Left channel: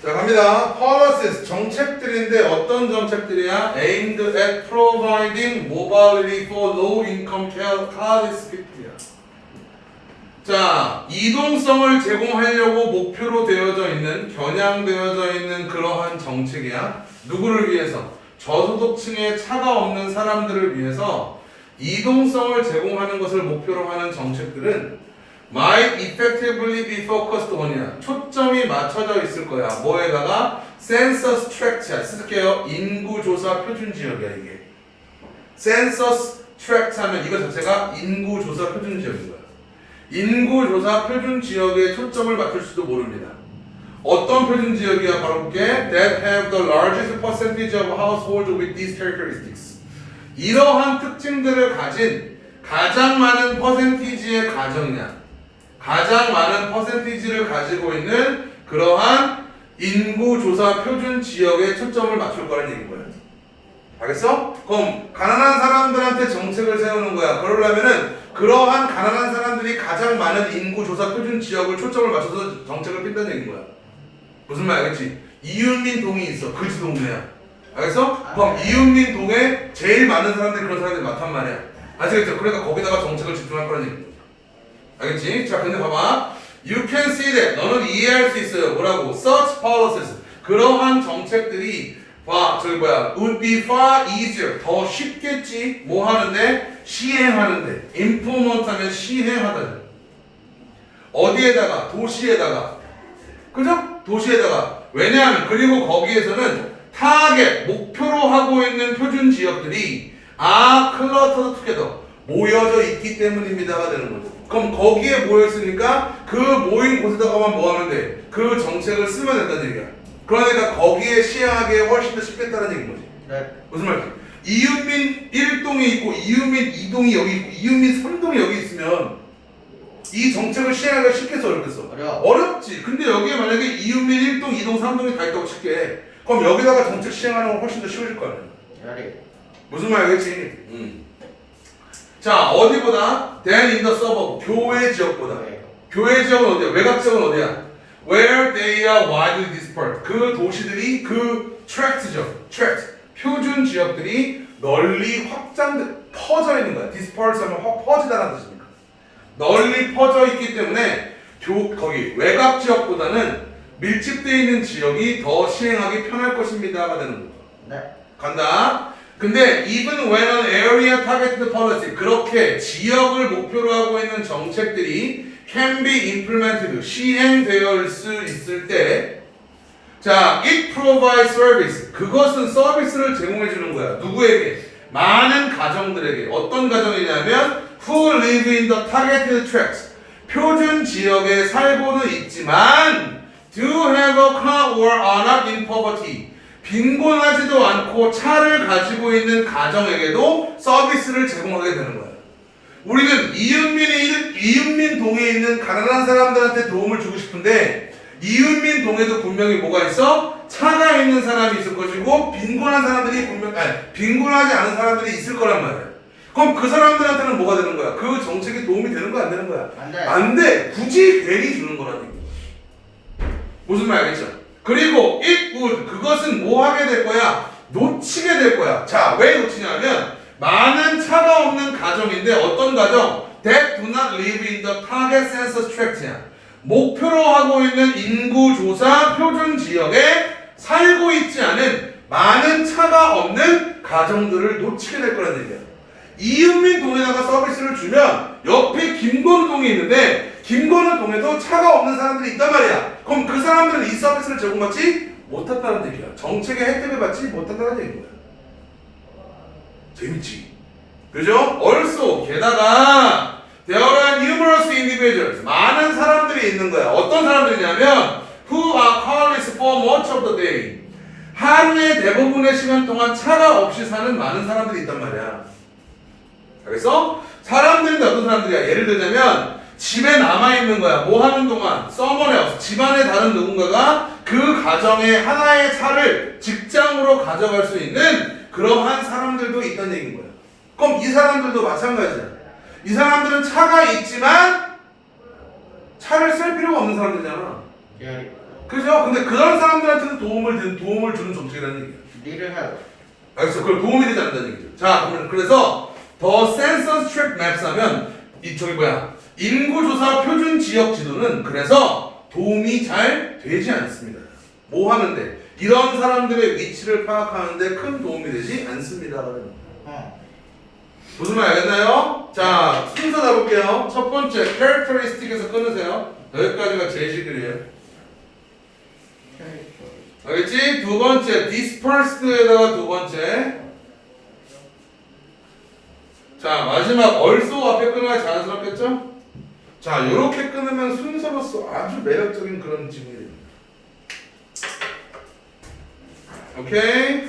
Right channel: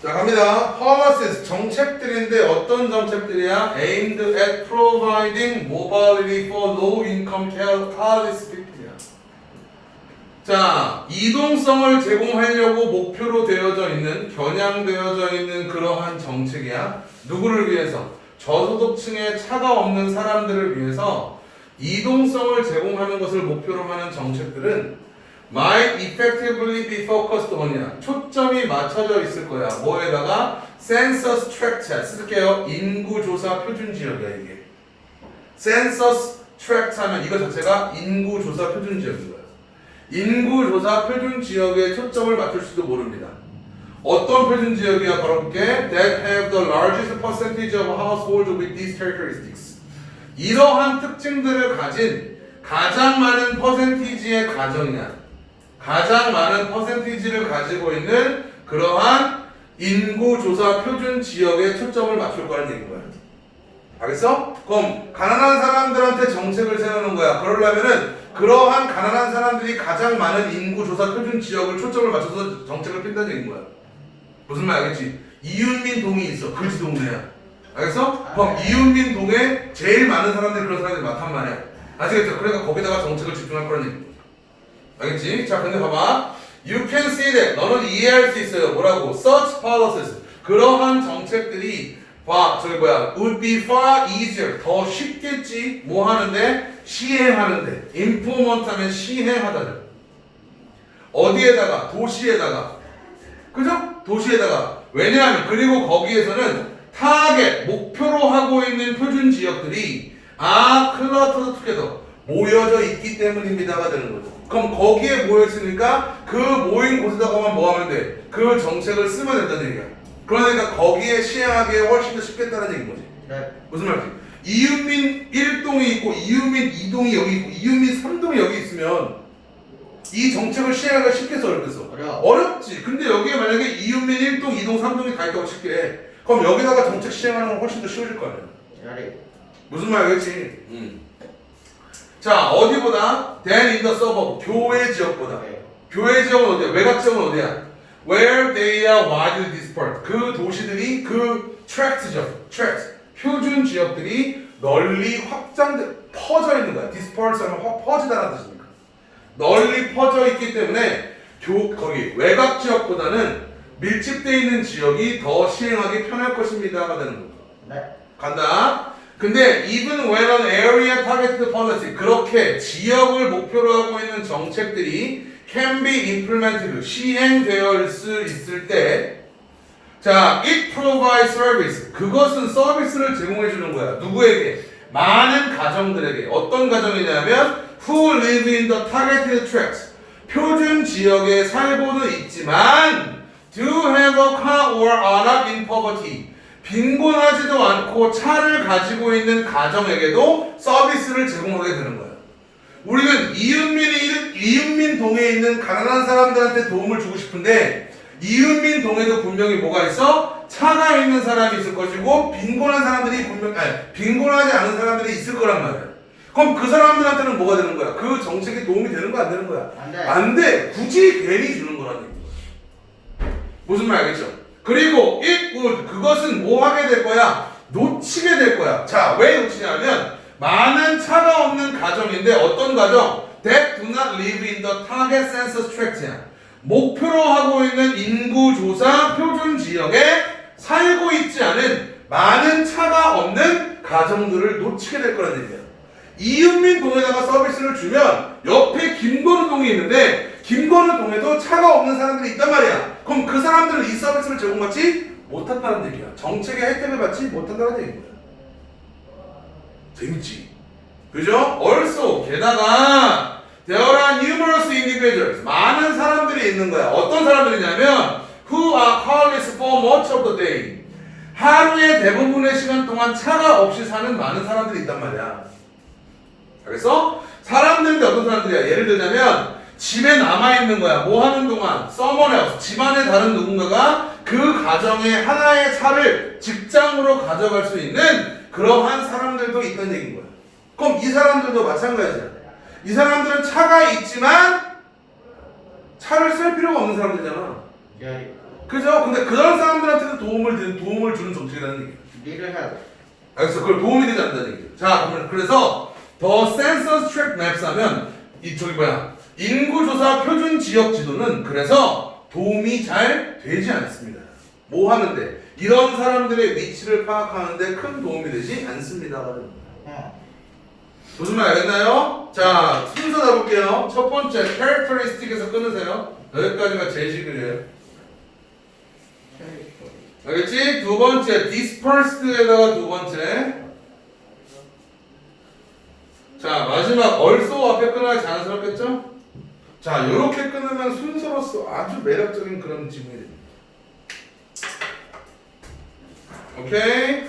자 갑니다. policies 정책들인데 어떤 정책들이야? aimed at providing mobility for low income class people이야. 자 이동성을 제공하려고 목표로 되어져 있는 겨냥되어져 있는 그러한 정책이야. 누구를 위해서? 저소득층의 차가 없는 사람들을 위해서 이동성을 제공하는 것을 목표로 하는 정책들은 might effectively be focused on이야. 초점이 맞춰져 있을 거야. 뭐에다가 census tract야. 쓸게요. 인구 조사 표준 지역이야 이게. census tract 하면 이거 자체가 인구 조사 표준 지역인 거야. 인구 조사 표준 지역에 초점을 맞출 수도 모릅니다. 어떤 표준 지역이야? 바로 볼게. That have the largest percentage of households with these characteristics. 이러한 특징들을 가진 가장 많은 퍼센티지의 가정이냐. 가장 많은 퍼센티지를 가지고 있는 그러한 인구조사 표준 지역에 초점을 맞출 거라는 얘기인 거야. 알겠어? 그럼 가난한 사람들한테 정책을 세우는 거야. 그러려면은 그러한 가난한 사람들이 가장 많은 인구조사 표준 지역을 초점을 맞춰서 정책을 핀다는 얘기인 거야. 무슨 말 알겠지? 이윤민 동이 있어. 그지 동네야. 알겠어? 그럼 이윤민 동에 제일 많은 사람들이 그런 사람들이 많단 말이야. 아시겠죠? 그러니까 거기다가 정책을 집중할 거라는 얘기. 알겠지? 자, 근데 봐봐. You can see that. 너는 이해할 수 있어요. 뭐라고? Such policies. 그러한 정책들이 봐, 저기 뭐야? Would be far easier. 더 쉽겠지. 뭐 하는데? 시행하는데. implement 하면 시행하다. 어디에다가? 도시에다가. 그죠? 도시에다가. 왜냐하면 그리고 거기에서는 타겟 목표로 하고 있는 표준 지역들이 아 클러터 투게더 모여져 있기 때문입니다가 되는 거죠. 그럼 거기에 모여 있으니까 그 모인 곳에다가만 뭐 하면 돼? 그 정책을 쓰면 된다는 얘기야. 그러니까 거기에 시행하기에 훨씬 더 쉽겠다는 얘기인 거지. 네. 무슨 말이지? 이윤민 1동이 있고 이윤민 2동이 여기 있고 이윤민 3동이 여기 있으면 이 정책을 시행하기가 쉽겠어 어렵겠어? 어려워. 어렵지. 근데 여기에 만약에 이윤민 1동, 2동, 3동이 다 있다고 칠게. 그럼 여기다가 정책 시행하는 건 훨씬 더 쉬워질 거 아니야. 열이. 무슨 말 알겠지? 음. 자 어디보다? than in the suburb 교외 지역보다. 네. 교외 지역은 어디야? 외곽 지역은 어디야? Where they are widely dispersed. 그 도시들이 그 tract죠. tract. 표준 지역들이 널리 확장돼 퍼져 있는 거야. disperse 하면 확 퍼지다라는 뜻입니다. 널리 퍼져 있기 때문에 교 거기 외곽 지역보다는 밀집돼 있는 지역이 더 시행하기 편할 것입니다 가 되는 거죠. 네. 간다. 근데 even when an area targeted policy 그렇게 지역을 목표로 하고 있는 정책들이 can be implemented 시행되어 수 있을 때 자, it provides service 그것은 서비스를 제공해 주는 거야. 누구에게? 많은 가정들에게. 어떤 가정이냐면 who live in the targeted tracts 표준 지역에 살고는 있지만 do have a car or are not in poverty 빈곤하지도 않고 차를 가지고 있는 가정에게도 서비스를 제공하게 되는 거야. 우리는 이윤민이 이윤민 동에 있는 가난한 사람들한테 도움을 주고 싶은데 이윤민 동에도 분명히 뭐가 있어? 차가 있는 사람이 있을 것이고 빈곤한 사람들이 분명 아니 빈곤하지 않은 사람들이 있을 거란 말이야. 그럼 그 사람들한테는 뭐가 되는 거야? 그 정책이 도움이 되는 거야, 안 되는 거야? 안 돼. 안 돼. 굳이 괜히 주는 얘기. 무슨 말 알겠죠? 그리고 it would 그것은 뭐 하게 될 거야? 놓치게 될 거야. 자, 왜 놓치냐면 많은 차가 없는 가정인데 어떤 가정? That do not live in the target census tract야. 목표로 하고 있는 인구 조사 표준 지역에 살고 있지 않은 많은 차가 없는 가정들을 놓치게 될 거라는 얘기야. 이은민 동에다가 서비스를 주면 옆에 김건우 동이 있는데 김건우 동에도 차가 없는 사람들이 있단 말이야. 그럼 그 사람들은 이 서비스를 제공받지 못한다는 얘기야. 정책의 혜택을 받지 못한다는 얘기인 거야. 재밌지? 그죠? also 게다가 are numerous individuals 많은 사람들이 있는 거야. 어떤 사람들이냐면 who are carless for much of the day 하루의 대부분의 시간 동안 차가 없이 사는 많은 사람들이 있단 말이야. 그래서 사람들인데 어떤 사람들이야? 예를 들자면 집에 남아 있는 거야. 뭐 하는 동안 서머네 집안의 다른 누군가가 그 가정의 하나의 차를 직장으로 가져갈 수 있는 그러한 사람들도 있다는 얘기인 거야. 그럼 이 사람들도 마찬가지야. 이 사람들은 차가 있지만 차를 쓸 필요가 없는 사람들이잖아. 열이. 그죠? 근데 그런 사람들한테는 도움을 드- 도움을 주는 정책이라는 얘기예요. Need help. 알겠어? 그걸 도움이 되지 않는다는 얘기죠. 자, 그러면 그래서 더 센서 스 트랙 맵스 하면 이 저기 뭐야 인구조사 표준 지역 지도는 그래서 도움이 잘 되지 않습니다. 뭐 하는데 이런 사람들의 위치를 파악하는데 큰 도움이 되지 않습니다. 어. 무슨 말 알겠나요? 자 순서 잡을게요. 첫 번째 characteristic에서 끊으세요. 여기까지가 제시들이에요. 알겠지? 두 번째 dispersed에다가 두 번째 자 마지막 also 앞에 끊어 야 자연스럽겠죠? 자 이렇게 끊으면 순서로서 아주 매력적인 그런 지문이 됩니다. 오케이?